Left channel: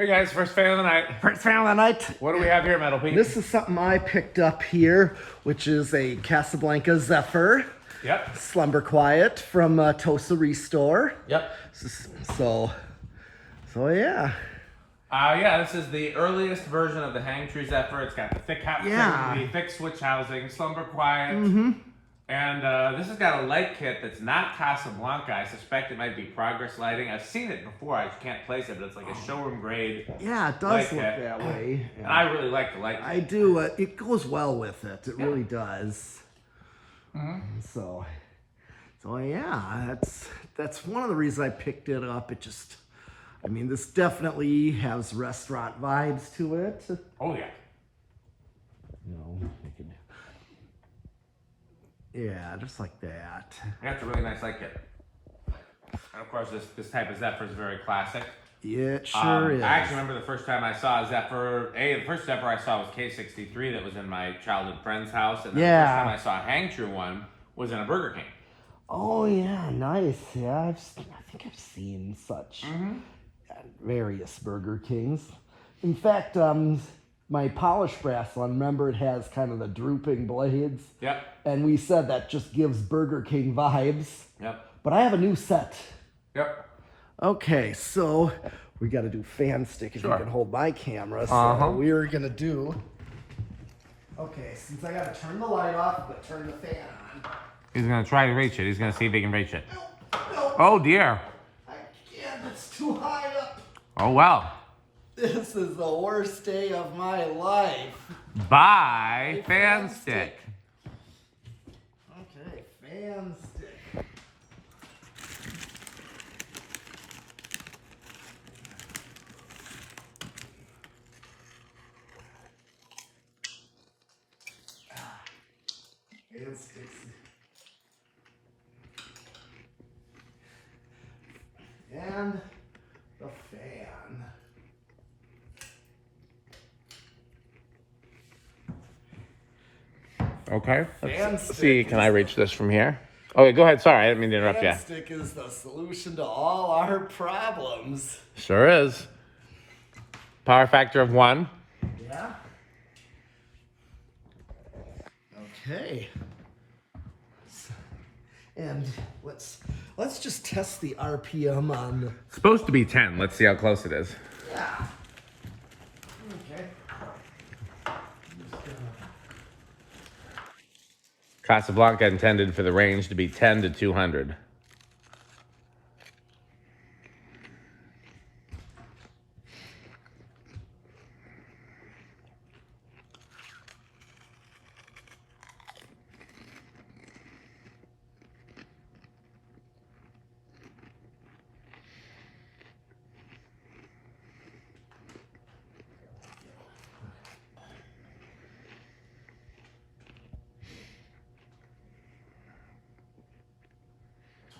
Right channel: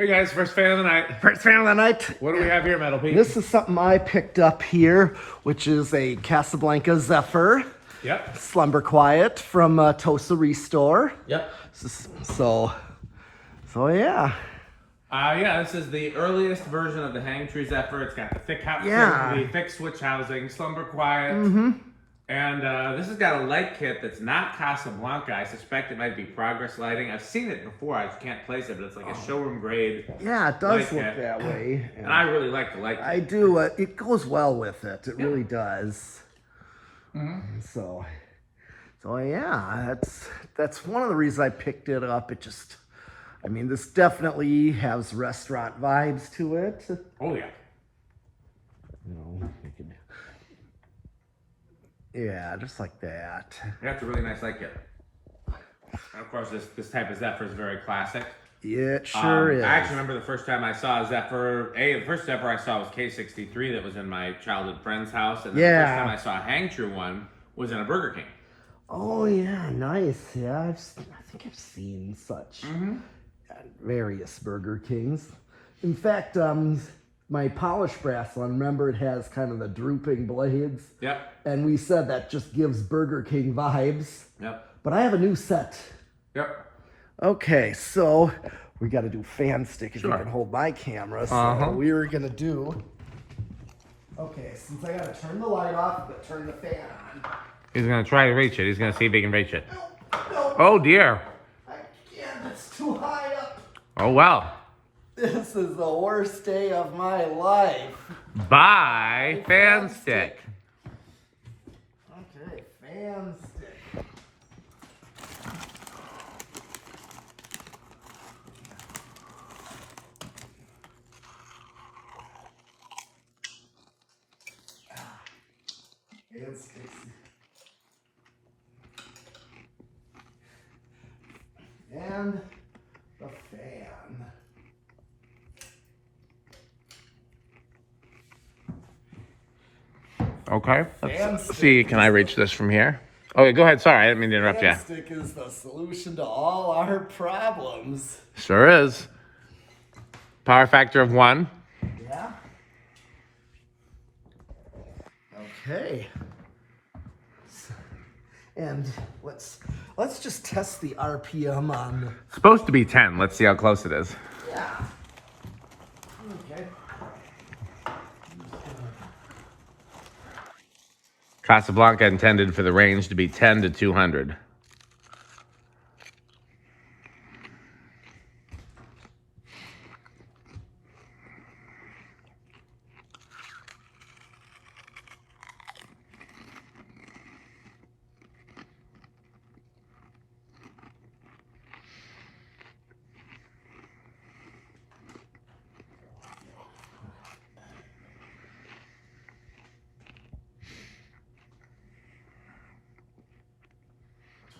Hey guys, first fan of the night. First fan of the night. What do we have here, Metal Pete? This is something I picked up here, which is a Casablanca Zephyr Yep. Slumber Quiet from Wauwatosa Restore. Yep. So yeah. Yeah, this is the earliest version of the Hang Tree Zephyr. It's got the thick hat, the thick switch housing, slumber quiet. And this has got a light kit that's not Casablanca. I suspect it might be Progress lighting. I've seen it before. I just can't place it, but it's like a showroom grade. Yeah, it does look kit. that way. And I really like the light kit. I do. It goes well with it. It really does. So yeah, that's one of the reasons I picked it up. It just, I mean, this definitely has restaurant vibes to it. Oh yeah. You know, you could, yeah, just like that. That's a really nice light kit. And of course, this type of Zephyr is very classic. Yeah, it sure is. I actually remember the first time I saw a Zephyr. The first Zephyr I saw was K63 that was in my childhood friend's house. And the first time I saw a Hang True one was in a Burger King. Oh yeah, nice. Yeah, I think I've seen such at various Burger Kings. In fact, my polished brass one, remember it has kind of the drooping blades. Yep. And we said that just gives Burger King vibes. Yep. But I have a new set. Yep. Okay, so we got to do fan stick if you can hold my camera. So we're going to do... Okay, since I got to turn the light off, but turn the fan on. He's going to try to reach it. He's going to see if he can reach it. No, Oh, dear. I can't. It's too high up. Oh, well. This is the worst day of my life. Bye, fan stick. Okay, fan stick. Fan sticks. And the fan. Okay. Let's see, can I reach this from here? Okay, go ahead. Sorry, I didn't mean to interrupt you. Fan stick is the solution to all our problems. Sure is. Power factor of 1. Yeah. Okay. And let's just test the RPM on. It's supposed to be 10. Let's see how close it is. Yeah. Okay. Casablanca intended for the range to be 10 to 200.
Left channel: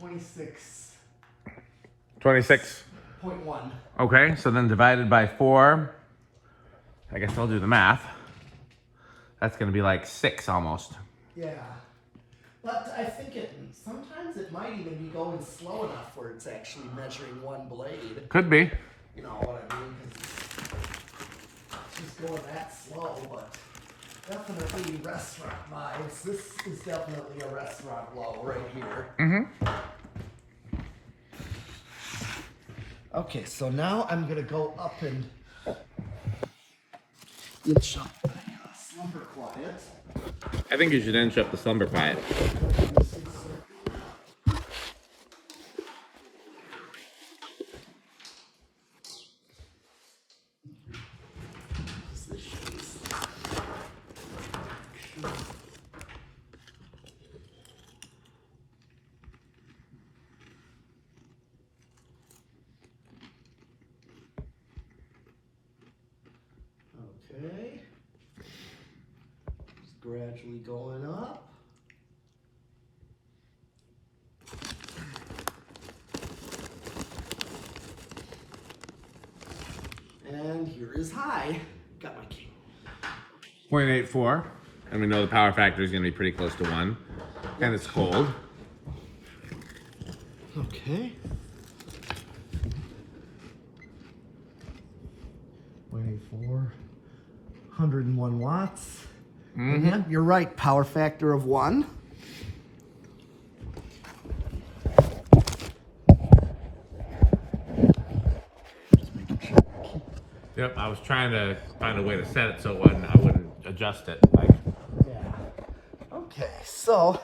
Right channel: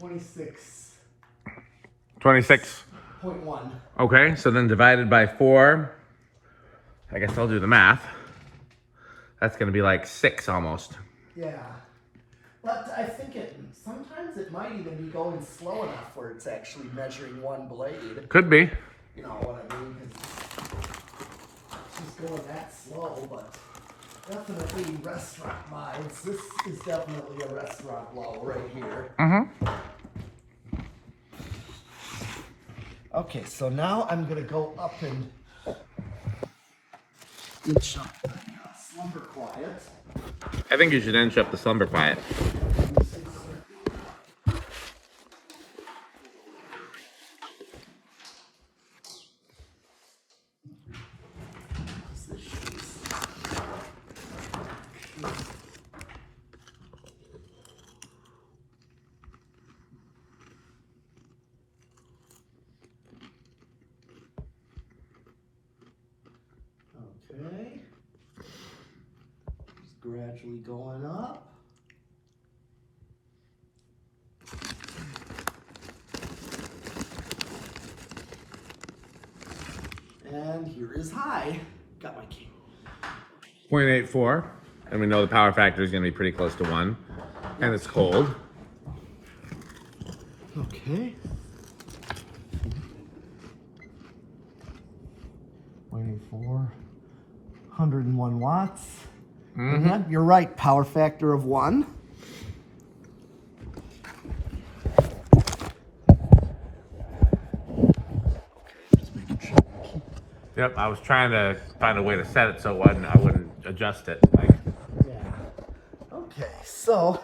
$26.1. 26.1. Okay, so then divided by 4. I guess I'll do the math. That's going to be like 6 almost. Yeah. But I think sometimes it might even be going slow enough where it's actually measuring one blade. Could be. You know what I mean? Because it's just going that slow, but definitely restaurant vibes. This is definitely a restaurant low right here. Okay, so now I'm going to go up and inch up the Slumber Quiet. I think you should inch up the Slumber Quiet. Okay. Just gradually going up. And here is high. Got my key. 0.84. And we know the power factor is going to be pretty close to 1. And it's cold. Okay. 0.84, 101 watts. And yeah, you're right, power factor of 1. Yep, I was trying to find a way to set it so I wouldn't adjust it. Yeah. Okay, so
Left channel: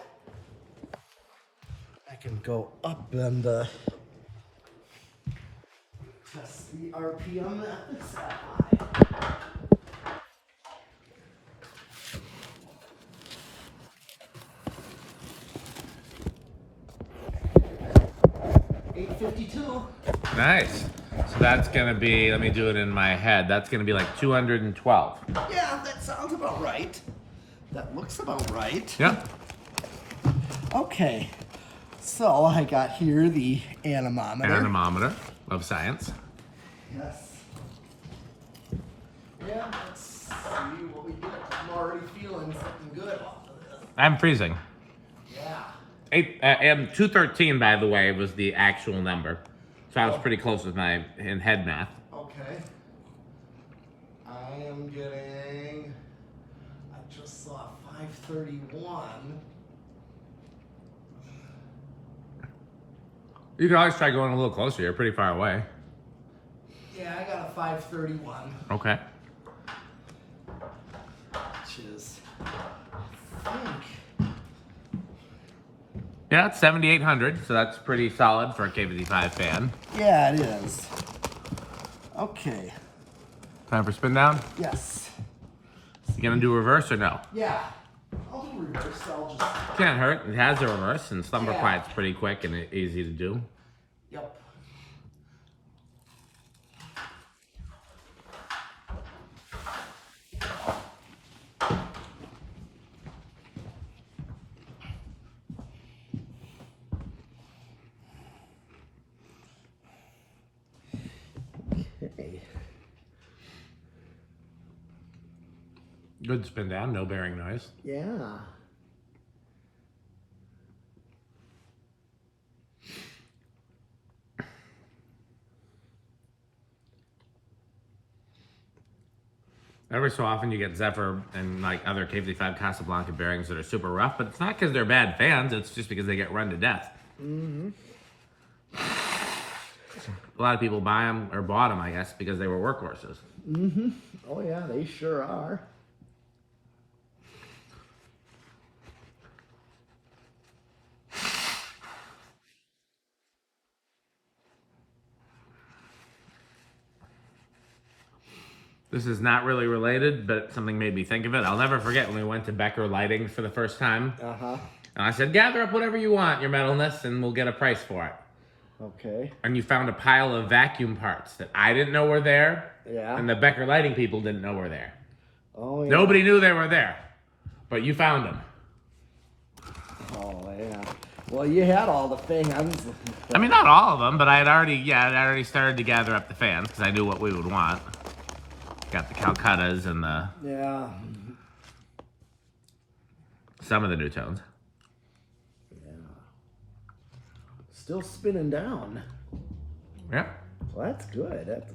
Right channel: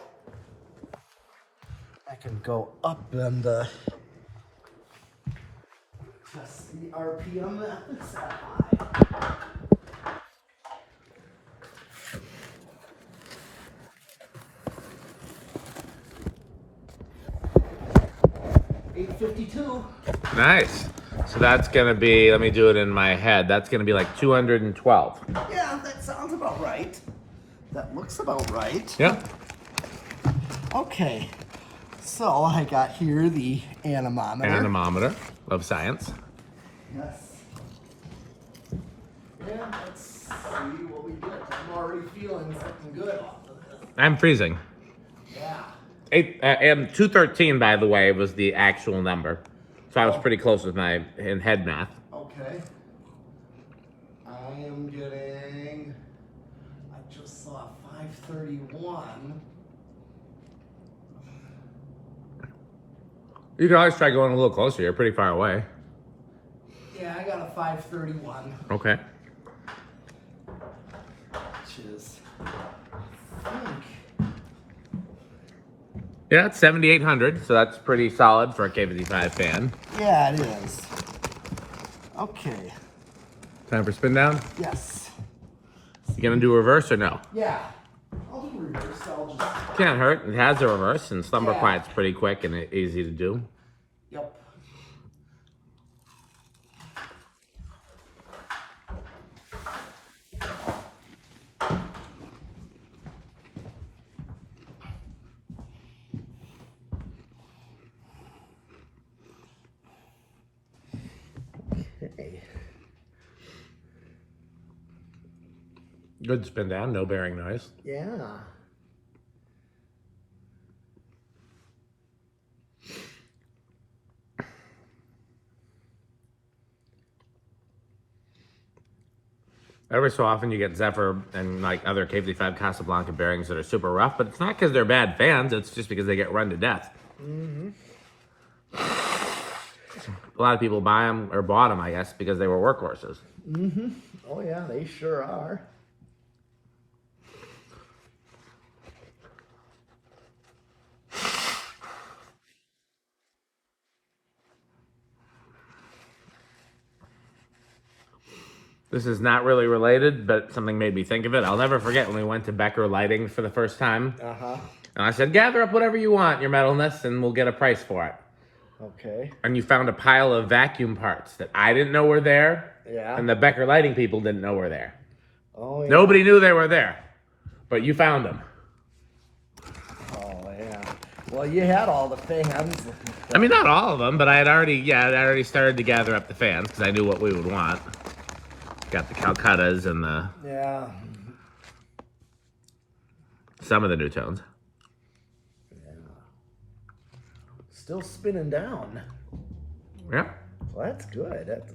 I can go up and test the RPM that is that high. 852. Nice. So that's going to be, let me do it in my head, that's going to be like 212. Yeah, that sounds about right. That looks about right. Yep. Okay, so I got here the anemometer. Anemometer of science. Yes. Yeah, let's see what we get. I'm already feeling something good off of this. I'm freezing. Yeah. 213, by the way, was the actual number. So I was pretty close with my head math. Okay. I am getting, I just saw 531. You can always try going a little closer. You're pretty far away. Yeah, I got a 531. Okay. Which is, I think, Yeah, it's 7,800, so that's pretty solid for a K55 fan. yeah, it is. Okay. Time for spin down? Yes. You gonna do reverse or no? Yeah. I'll do reverse. I'll just. Can't hurt. It has a reverse, and Slumber Yeah. Quiet's pretty quick and easy to do. Yep. Okay. Good spin down, no bearing noise. Yeah. Every so often you get Zephyr and like other K55 Casablanca bearings that are super rough, but it's not because they're bad fans, it's just because they get run to death. A lot of people buy them, or bought them, I guess, because they were workhorses. Oh yeah, they sure are. This is not really related, but something made me think of it. I'll never forget when we went to Becker Lighting for the first time. And I said, gather up whatever you want, your metalness, and we'll get a price for it. Okay. And you found a pile of vacuum parts that I didn't know were there, Yeah. and the Becker Lighting people didn't know were there. Oh yeah. Nobody knew they were there, but you found them. Oh yeah. Well, you had all the fans. I mean, not all of them, but I'd already started to gather up the fans because I knew what we would want. Got the Calcuttas and Yeah. some of the new tones. Still spinning down. Yeah. Well, that's good. That's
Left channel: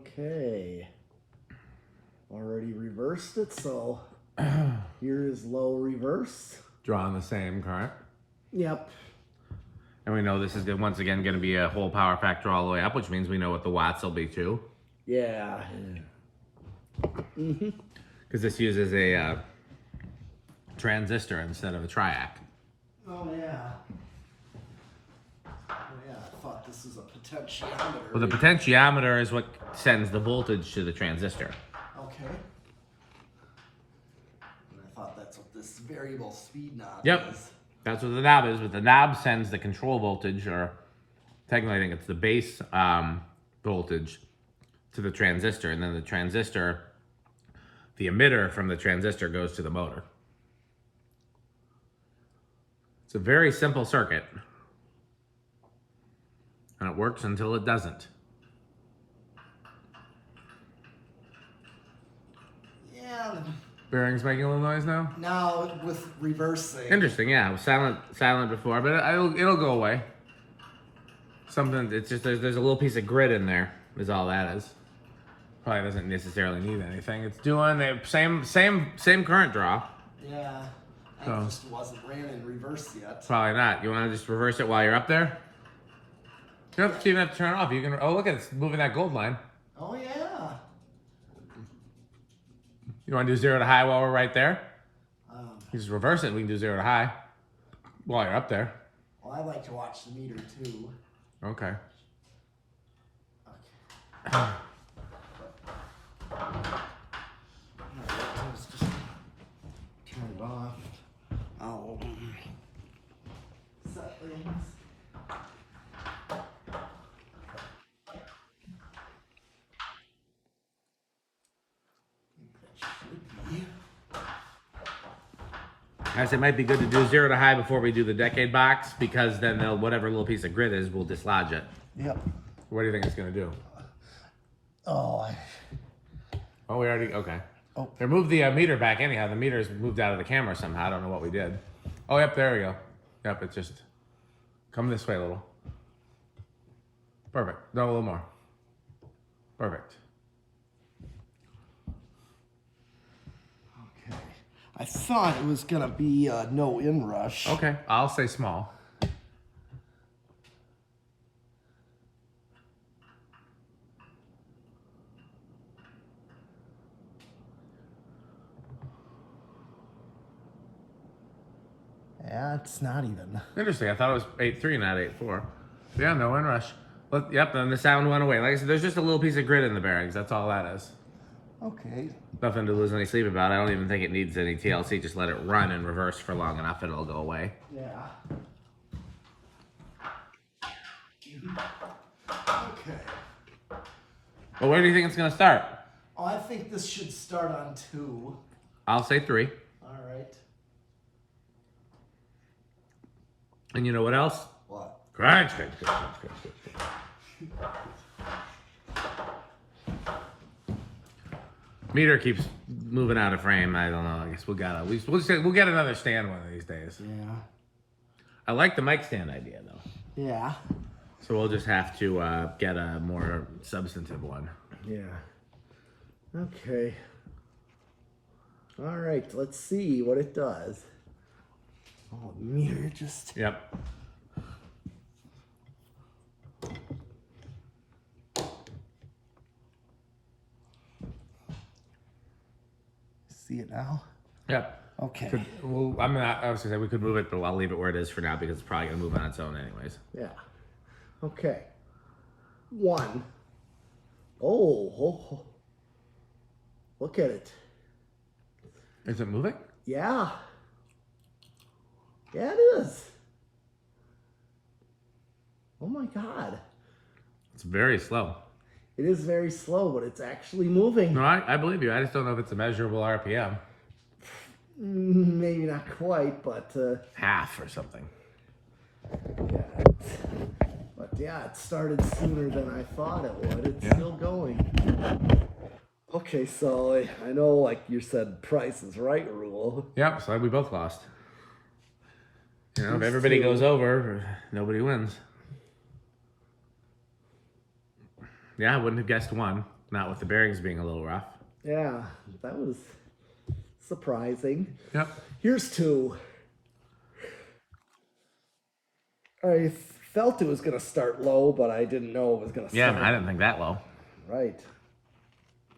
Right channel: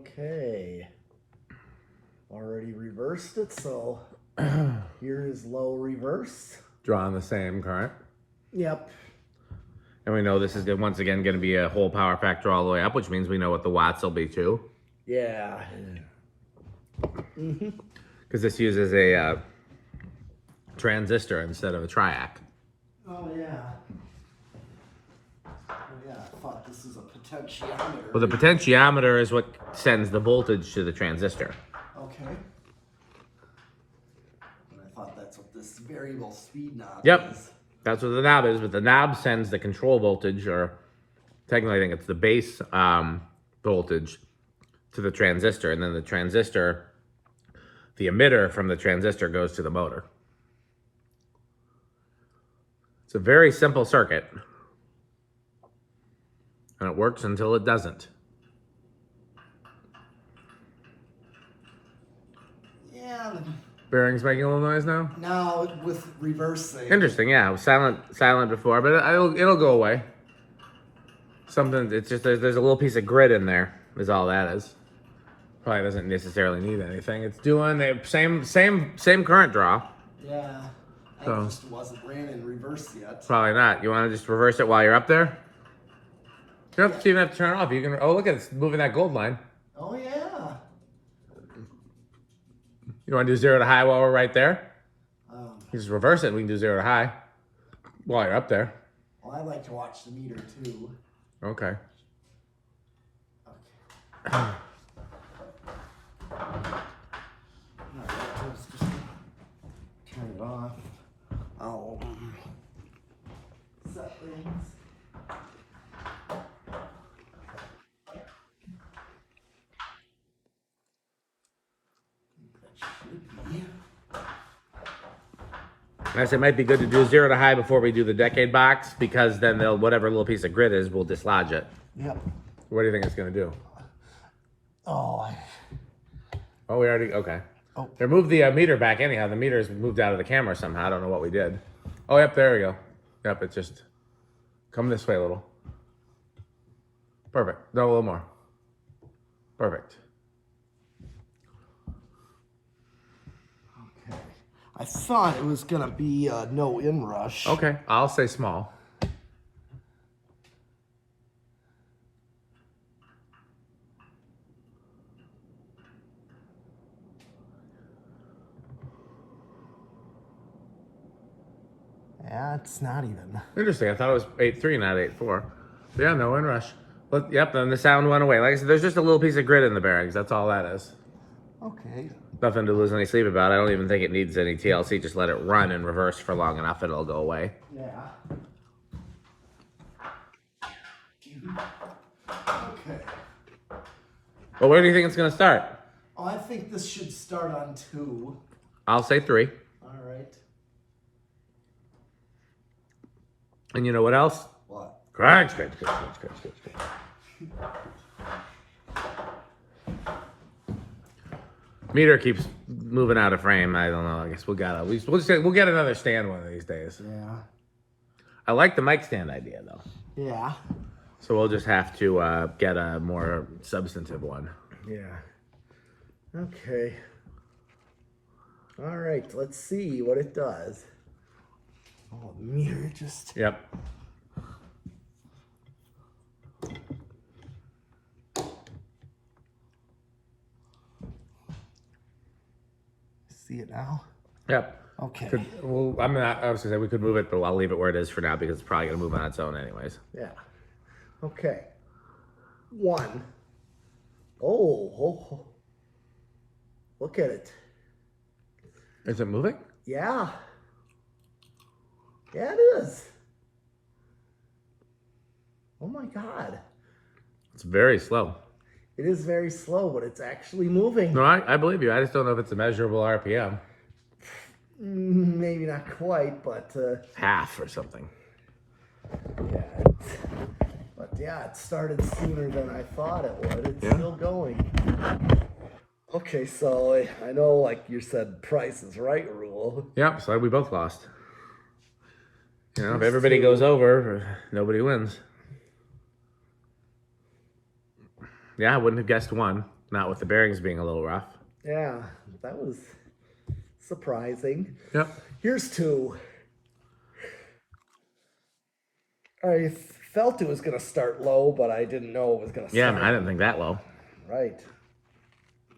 okay. Already reversed it, so here is low reverse. Drawing the same current. Yep. And we know this is once again going to be a whole power factor all the way up, which means we know what the watts will be too. Yeah. Because this uses a transistor instead of a triac. Oh yeah. Oh yeah. I thought this is a potentiometer. Well, the potentiometer is what sends the voltage to the transistor. Okay. And I thought that's what this variable speed knob Yep. is. That's what the knob is, but the knob sends the control voltage, or technically I think it's the base voltage, to the transistor, and then the transistor, the emitter from the transistor goes to the motor. It's a very simple circuit, and it works until it doesn't. Yeah. Bearings making a little noise now? Now with reversing. Interesting, yeah. It was silent before, but it'll go away. Something, it's just, there's a little piece of grit in there, is all that is. Probably doesn't necessarily need anything. It's doing the same current draw. Yeah. I So, just wasn't ran in reverse yet. probably not. You want to just reverse it while you're up there? You don't even have to turn it off. You can, oh, look at it, it's moving that gold line. Oh, yeah. You want to do 0 to high while we're right there? You just reverse it and we can do 0 to high while you're up there. Well, I like to watch the meter too. Okay. Okay. Alright, let's just turn it off. I'll set things. That should be. Guys, it might be good to do 0 to high before we do the decade box, because then they'll, whatever little piece of grit is, we'll dislodge it. Yep. What do you think it's going to do? Oh, Oh, we already, okay. Oh. They moved the meter back anyhow. The meter's moved out of the camera somehow. I don't know what we did. Oh, yep, there we go. Yep, it's just, come this way a little. Perfect. No, a little more. Perfect. okay. I thought it was gonna be no inrush. Okay, I'll say small. Yeah, it's not even. Interesting. I thought it was 8.3, not 8.4. Yeah, no inrush. But, yep, then the sound went away. Like I said, there's just a little piece of grit in the bearings. That's all that is. Okay. Nothing to lose any sleep about. I don't even think it needs any TLC. Just let it run in reverse for long enough and it'll go away. Yeah. Okay. Well, where do you think it's going to start? Oh, I think this should start on 2. I'll say 3. All right. And you know what else? What? Crunch. Meter keeps moving out of frame. I don't know. I guess we'll get another stand one of these days. Yeah. I like the mic stand idea though. Yeah. So we'll just have to get a more substantive one. Yeah. Okay. All right. Let's see what it does. Oh, meter just. Yep. See it now? Yep. Okay. Well, I was gonna say we could move it, but I'll leave it where it is for now because it's probably gonna move on its own anyways. Yeah. Okay. 1. Oh. Look at it. Is it moving? Yeah. Yeah, it is. Oh my God. It's very slow. It is very slow, but it's actually moving. No, I believe you. I just don't know if it's a measurable RPM. Maybe not quite, but Half or something. yeah, it started sooner than I thought it would. It's Yeah. still going. Okay, so I know, like you said, Price is Right rule. Yep, so we both lost. You know, if everybody goes over, nobody wins. Yeah, I wouldn't have guessed 1, not with the bearings being a little rough. Yeah, that was surprising. Yep. Here's 2. I felt it was going to start low, but I didn't know it was going to Yeah, start. I didn't think that low. Right.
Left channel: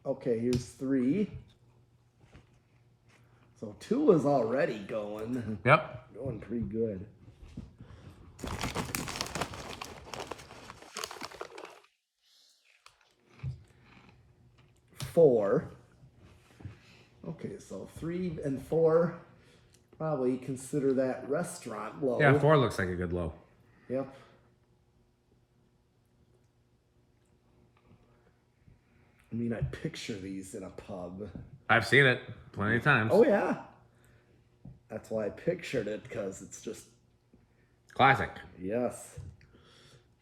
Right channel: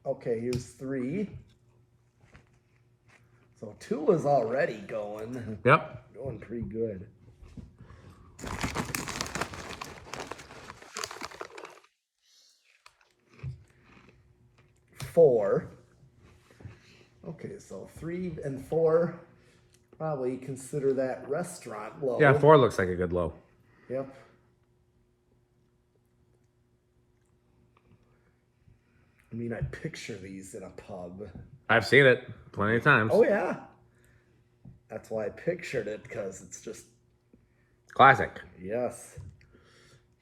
Okay, here's 3. So 2 is already going. Yep. Going pretty good. 4. Okay, so 3 and 4, probably consider that restaurant low. Yeah, 4 looks like a good low. Yep. I mean, I picture these in a pub. I've seen it plenty of times. Oh, yeah. That's why I pictured it, because it's just... Classic. Yes.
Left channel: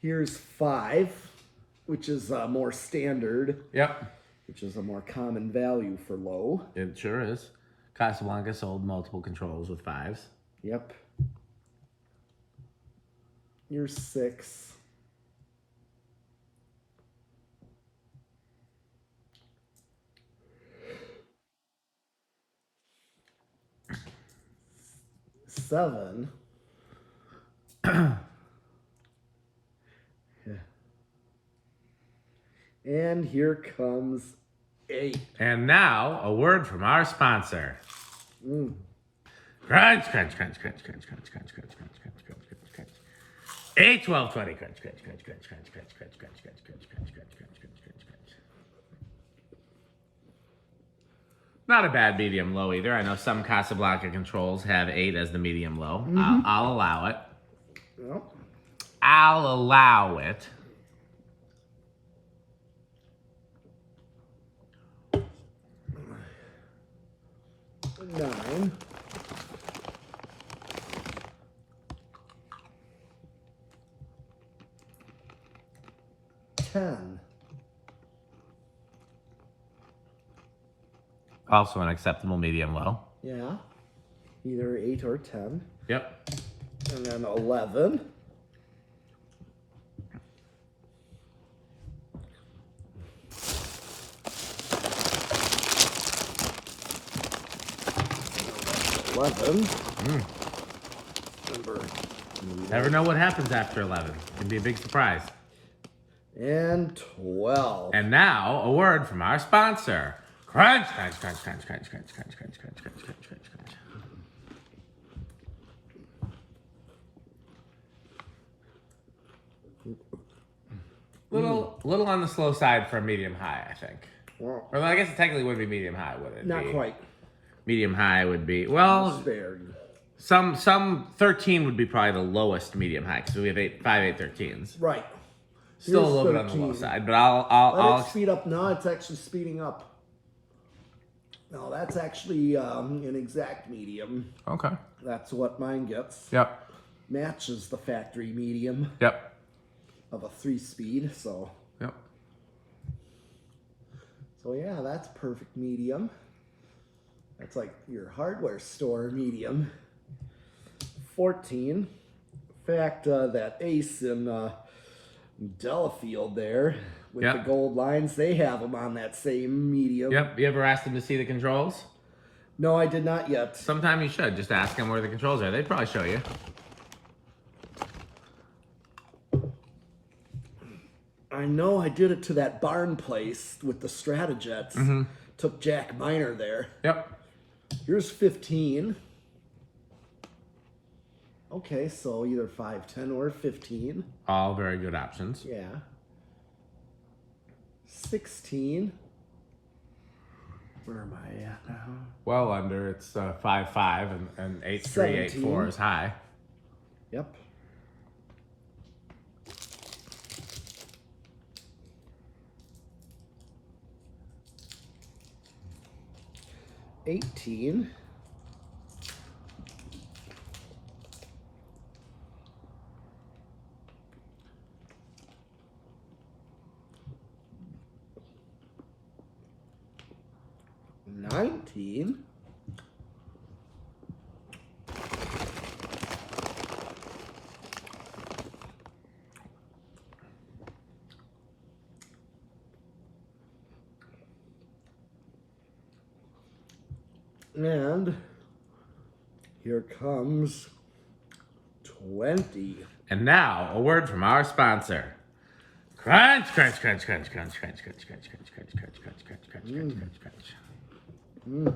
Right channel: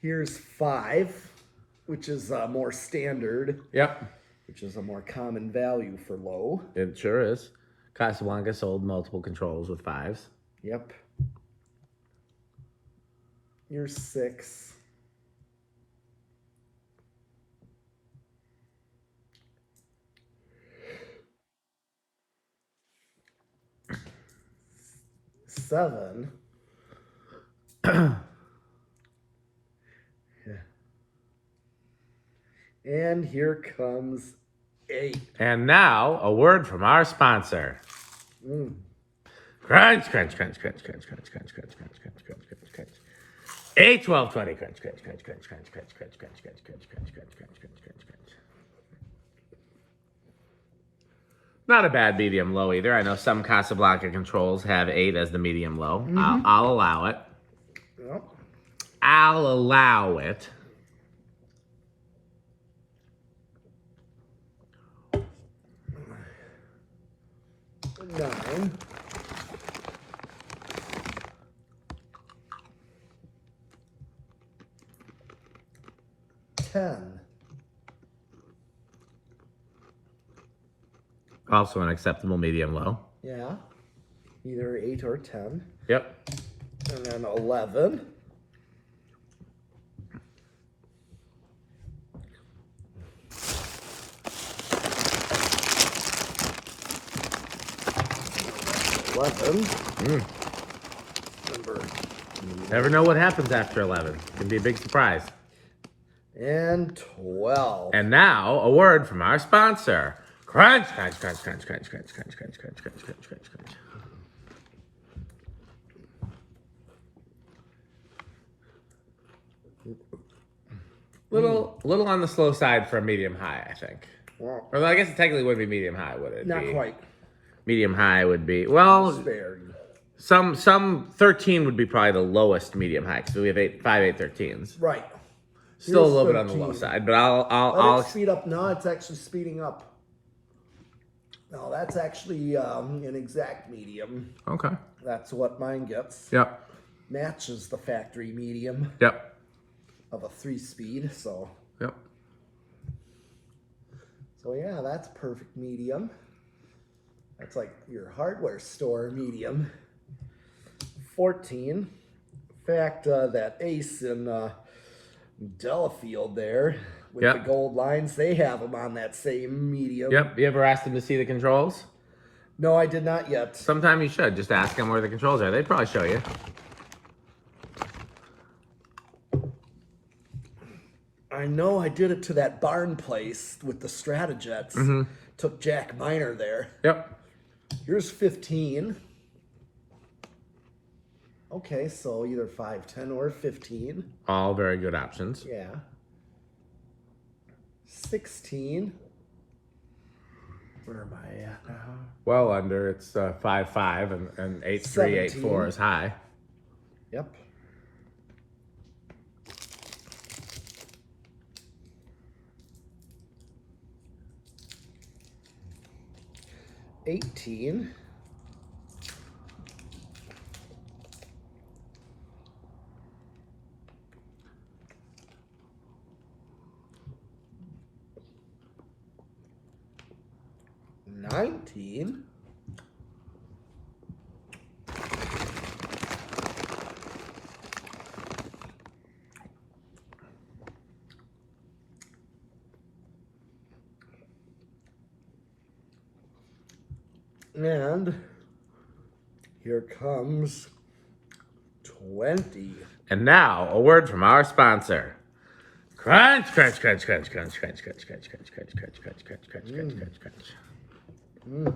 Here's 5, which is more standard. Yep. Which is a more common value for low. It sure is. Casablanca sold multiple controls with 5s. Yep. Here's 6. Seven. And here comes 8. And now, a word from our sponsor. Crunch, crunch, crunch, crunch, crunch, crunch, crunch, crunch, crunch, crunch, crunch, crunch, crunch. 8, 12, 20, crunch, crunch, crunch, crunch, crunch, crunch, crunch, crunch, crunch, crunch, crunch, crunch, crunch, crunch, crunch. Not a bad medium low either. I know some Casablanca controls have 8 as the medium low. I'll allow it. Yep. I'll allow it. Nine. Ten. Also an acceptable medium low. Yeah. Either 8 or 10. Yep. And then 11. Never know what happens after 11. Can be a big surprise. And 12. And now, a word from our sponsor. Crunch, crunch, crunch, crunch, crunch, crunch, crunch, crunch, crunch, crunch, crunch, crunch, crunch. Little on the slow side for a medium high, I think. Wow. Or I guess it technically would be medium high, would it? Not quite. Medium high would be, well, some 13 would be probably the lowest medium high because we have 5 813s. Right. Still Here's a little 13. Bit on the low side, but I'll speed up. No, it's actually speeding up. No, that's actually an exact medium. Okay. That's what mine gets. Yep. Matches the factory medium. Yep. Of a 3-speed, so. Yep. So yeah, that's perfect medium. That's like your hardware store medium. 14. In fact, that Ace in Delafield there with the gold lines, they have them on that same medium. Yep. You ever asked them to see the controls? No, I did not yet. Sometime you should. Just ask them where the controls are. They'd probably show you. I know I did it to that barn place with the Stratojets. Took Jack Miner there. Yep. Here's 15. Okay, so either 5, 10, or 15. All very good options. Yeah. 16. Where am I at now? Well under. It's 5 5 and 8 3 8 4 is high. Yep. 18. 19. 'And here comes 20. And now, a word from our sponsor. Crunch, crunch, crunch, crunch, crunch, crunch, crunch, crunch, crunch, crunch, crunch, crunch, crunch, crunch, crunch, crunch, crunch.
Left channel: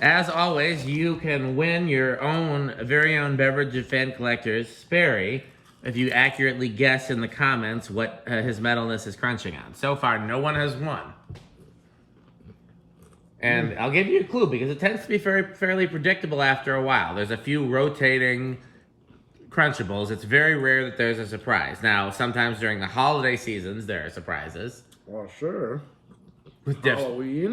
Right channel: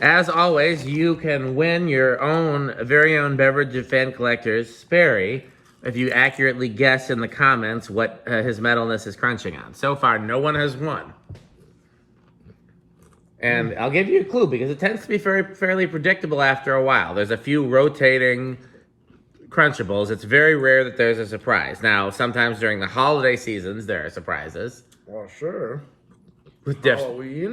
As always, you can win your own very own beverage of fan collectors, Sperry, if you accurately guess in the comments what his metalness is crunching on. So far, no one has won. And I'll give you a clue because it tends to be fairly predictable after a while. There's a few rotating Crunchables, it's very rare that there's a surprise. Now, sometimes during the holiday seasons, there are surprises. Well, sure. With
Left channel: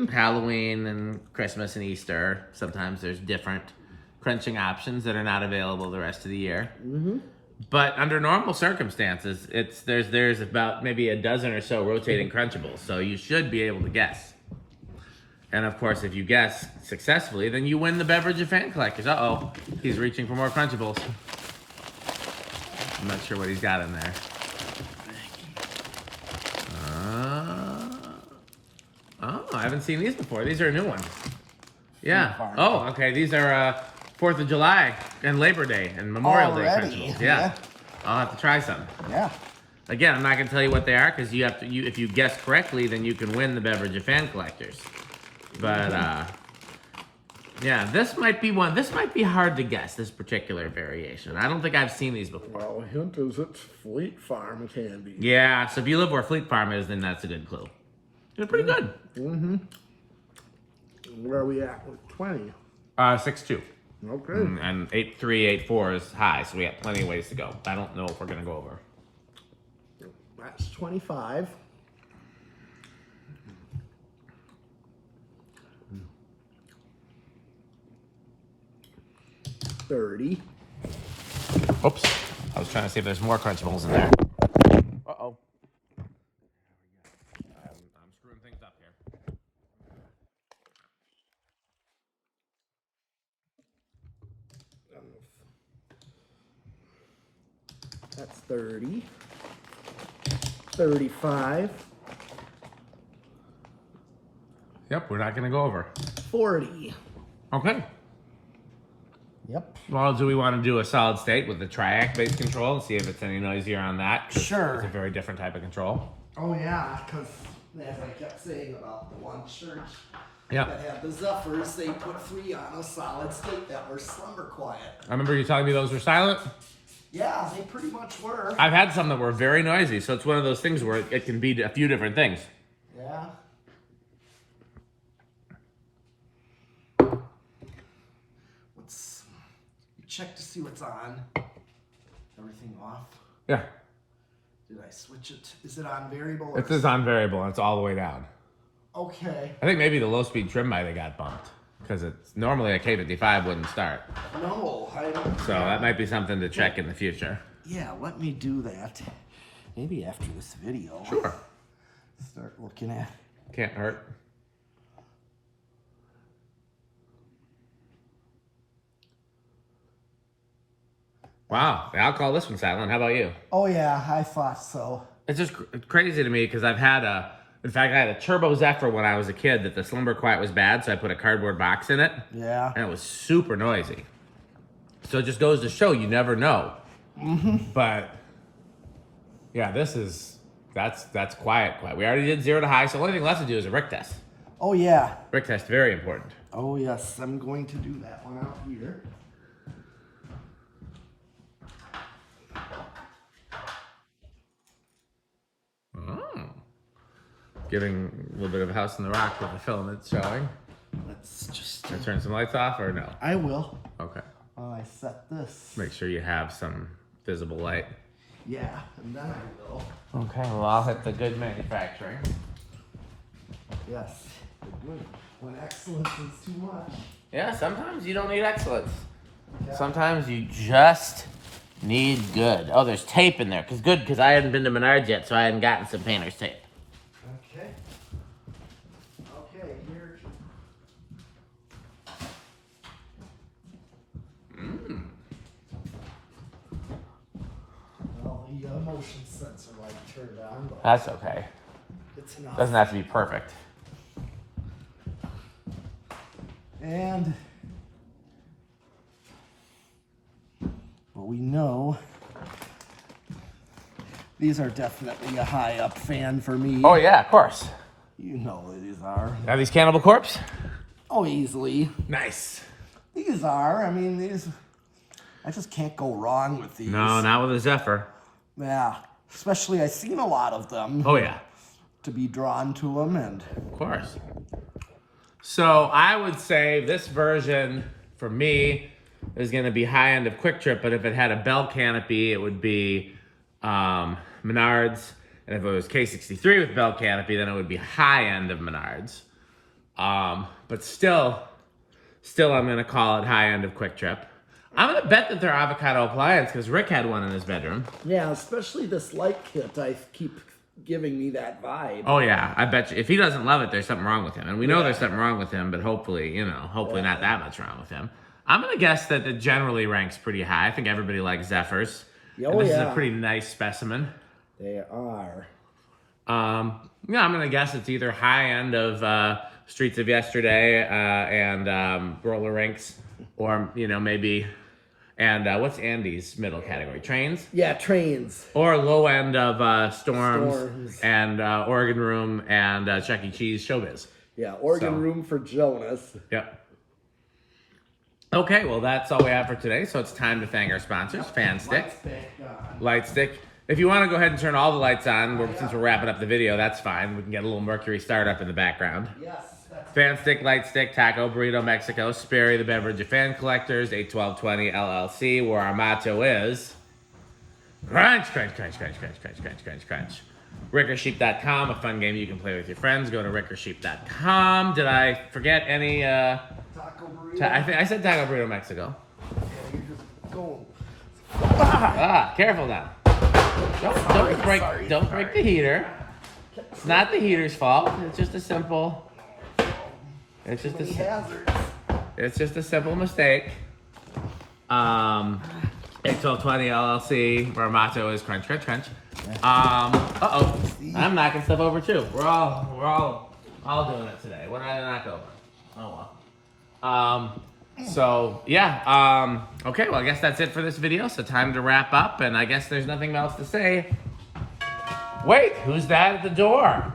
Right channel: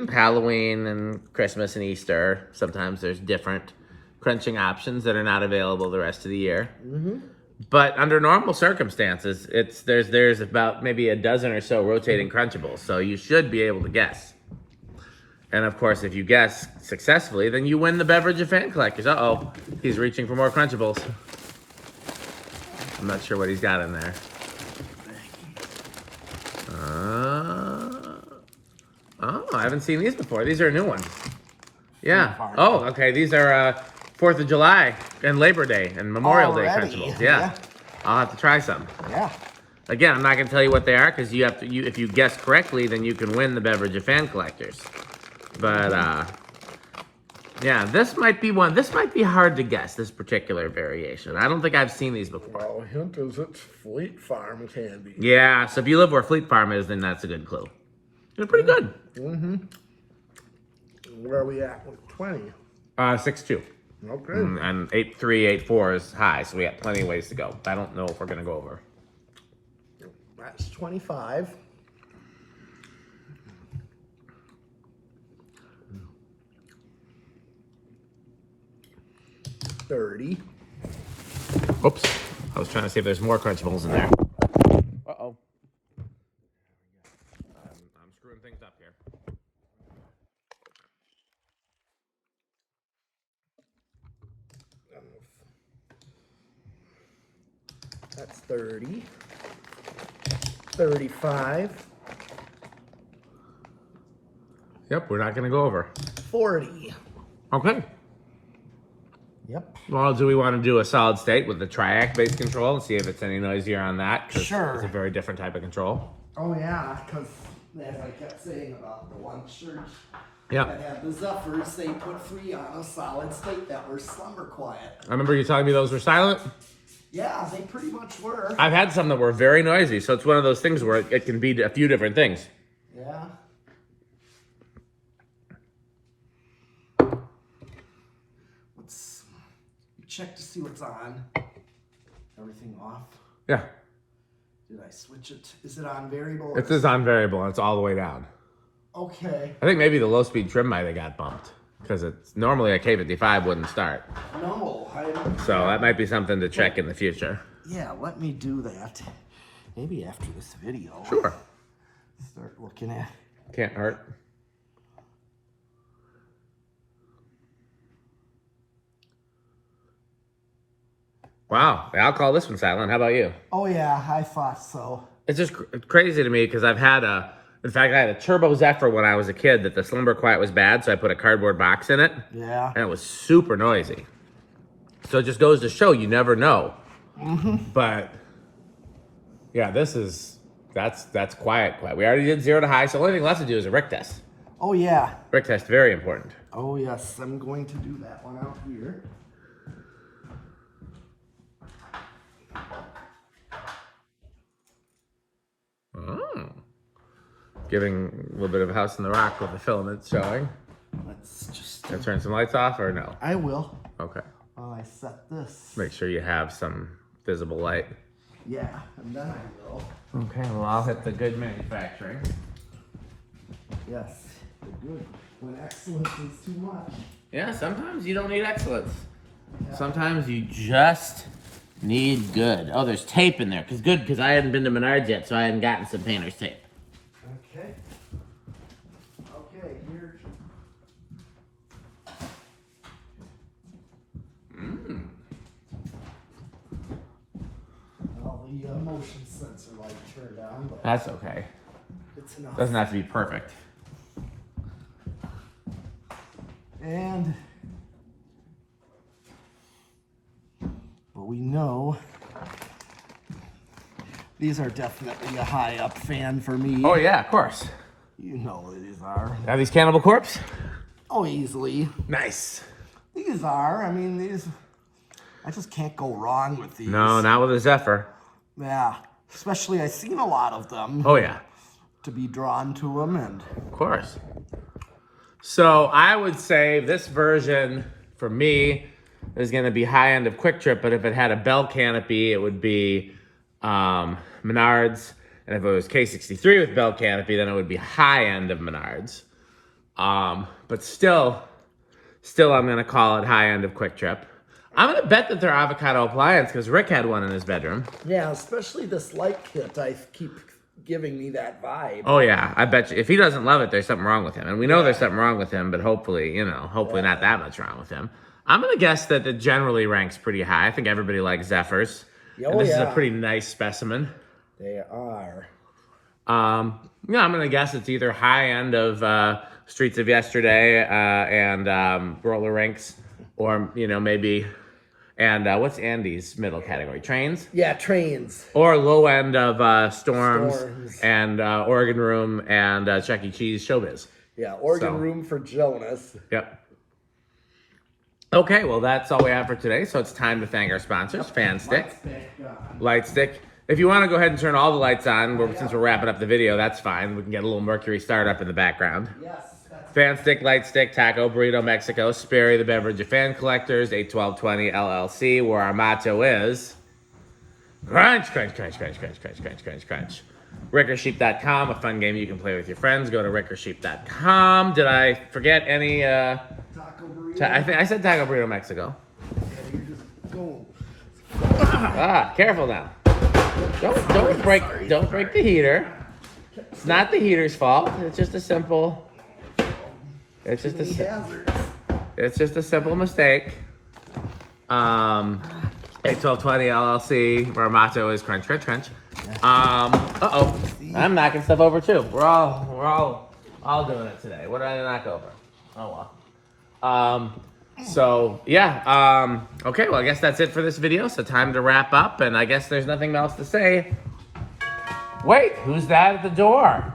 Halloween and Christmas and Easter, sometimes there's different crunching options that are not available the rest of the year. But under normal circumstances, there's about maybe a dozen or so rotating Crunchables, so you should be able to guess. And of course, if you guess successfully, then you win the beverage of fan collectors. Uh-oh, he's reaching for more Crunchables. I'm not sure what he's got in there. Oh, I haven't seen these before. These are new ones. Yeah. Oh, okay. These are 4th of July and Labor Day and Memorial Day Crunchables. Yeah. I'll have to try some. Yeah. Again, I'm not going to tell you what they are because if you guess correctly, then you can win the beverage of fan collectors. But yeah, this might be one. This might be hard to guess, this particular variation. I don't think I've seen these before. Well, hint is it's Fleet Farm candy. Yeah, so if you live where Fleet Farm is, then that's a good clue. They're pretty good. Where are we at with 20? 6-2. Okay. And 8-3, 8-4 is high, so we got plenty of ways to go. I don't know if we're going to go over. That's 25. $30. Oops. I was trying to see if there's more Crunchables in there. Uh-oh. I'm screwing things up here. That's 30. 35. Yep, we're not going to go over. 40. Okay. Yep. Well, do we want to do a solid state with the triac-based control and see if it's any noisier on that? Sure. It's a very different type of control. Oh, yeah, because as I kept saying about the one church Yeah. that had the Zephyrs, they put 3 on a solid state that were slumber quiet. I remember you telling me those were silent. Yeah, they pretty much were. I've had some that were very noisy, so it's one of those things where it can be a few different things. Yeah. Let's check to see what's on. Everything off. Yeah. Did I switch it? Is it on variable? It is on variable, and it's all the way down. Okay. I think maybe the low-speed trim might have got bumped, because it's normally a K55 wouldn't start. No, I don't. So that might be something to check in the future. Yeah, let me do that. Maybe after this video. Sure. Start looking at. Can't hurt. Wow, I'll call this one silent. How about you? Oh yeah, I thought so. It's just crazy to me because I've had in fact, I had a Turbo Zephyr when I was a kid that the Slumber Quiet was bad, so I put a cardboard box in it. Yeah. And it was super noisy. So it just goes to show you never know. But yeah, that's quiet. We already did 0 to high, so the only thing left to do is a Rick test. Oh yeah. Rick test, very important. Oh yes, I'm going to do that one out here. Giving a little bit of a house in the rock with the filament showing. Let's just. Can I turn some lights off or no? I will. Okay. While I set this. Make sure you have some visible light. Yeah, and then I will. Okay, well, I'll hit the good manufacturing. Yes, the good. When excellence is too much. Yeah, sometimes you don't need excellence. Yeah. Sometimes you just need good. Oh, there's tape in there. Because I hadn't been to Menards yet, so I hadn't gotten some painter's tape. Okay. Okay, here. Well, the motion sensor light turned on, but That's okay. it's enough. Doesn't have to be perfect. And well, we know these are definitely a high up fan for me. Oh, yeah, of course. You know these are. Are these Cannibal Corpse? Oh, easily. Nice. These are. I mean, these. I just can't go wrong with these. No, not with a Zephyr. Yeah. Especially, I've seen a lot of them. Oh, yeah. To be drawn to them, and Of course. So I would say this version, for me, is going to be high end of Quick Trip, but if it had a bell canopy, it would be Menards. And if it was K63 with bell canopy, then it would be high end of Menards. But still I'm going to call it high end of Quick Trip. I'm going to bet that they're avocado appliance because Rick had one in his bedroom. Yeah, especially this light kit. I keep giving me that vibe. Oh, yeah. I bet you. If he doesn't love it, there's something wrong with him. And we know there's something wrong with him, but hopefully not that much wrong with him. I'm going to guess that it generally ranks pretty high. I think everybody likes Zephyrs. Oh, and this is a pretty nice specimen. They are. Yeah, I'm going to guess it's either high end of Streets of Yesterday and Roller Rinks, or, maybe... And what's Andy's middle category? Trains? Yeah, trains. Or low end of Storms and Oregon Room and Chuck E. Cheese Showbiz. Yeah, Oregon Room for Jonas. Yep. Okay, well, that's all we have for today. So it's time to thank our sponsors, Fanstick, Lightstick. If you want to go ahead and turn all the lights on, since we're wrapping up the video, that's fine. We can get a little Mercury startup in the background. Yes. Fanstick, Lightstick, Taco, Burrito, Mexico, Sperry, the Beverage of Fan Collectors, 81220 LLC, where our motto is crunch, crunch, crunch, crunch, crunch, crunch, crunch, crunch, crunch. RickerSheep.com, a fun game you can play with your friends. Go to RickerSheep.com. Did I forget any? Taco Burrito. I said Taco, Burrito, Mexico. Yeah, you just go. Careful now. Don't break the heater. It's not the heater's fault. It's just a simple. It's just a simple mistake. 81220 LLC, where our motto is crunch, crunch, crunch. I'm knocking stuff over too. We're all doing it today. What did I knock over? Oh well. So yeah. Okay. Well, I guess that's it for this video. So time to wrap up, and I guess there's nothing else to say. Wait, who's that at the door?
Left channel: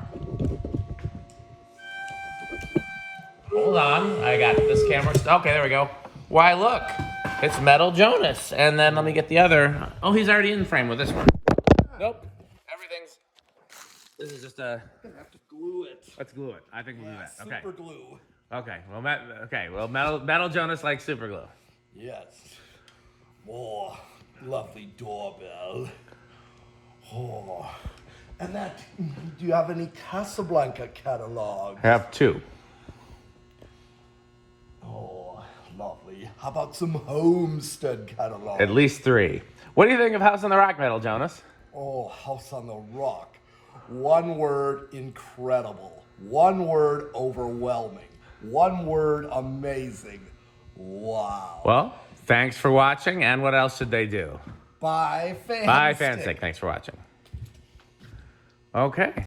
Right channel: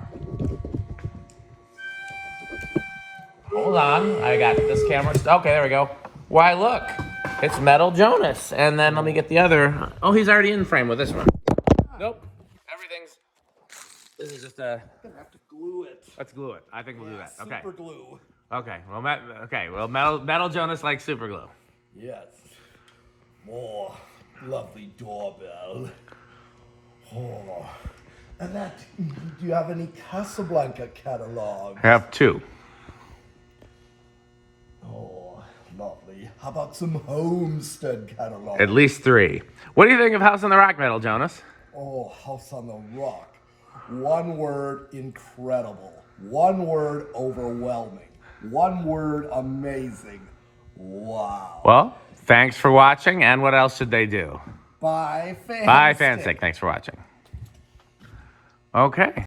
Hold on, I got this camera. Okay, there we go. Why, look, it's Metal Jonas. And then let me get the other. Oh, he's already in frame with this one. Nope, this is just a. I'm gonna have to glue it. Let's glue it. I think we'll do that. Okay. Super glue. Okay. Well, Metal Jonas likes super glue. Yes. More lovely doorbell. Oh. And that, do you have any Casablanca catalog? I have two. Oh, lovely. How about some Homestead catalog? At least three. What do you think of House on the Rock, Metal Jonas? Oh, House on the Rock. One word, incredible. One word, overwhelming. One word, amazing. Wow. Well, thanks for watching, and what else should they do? Bye, Fanstick. Bye, Fanstick. Thanks for watching. Okay.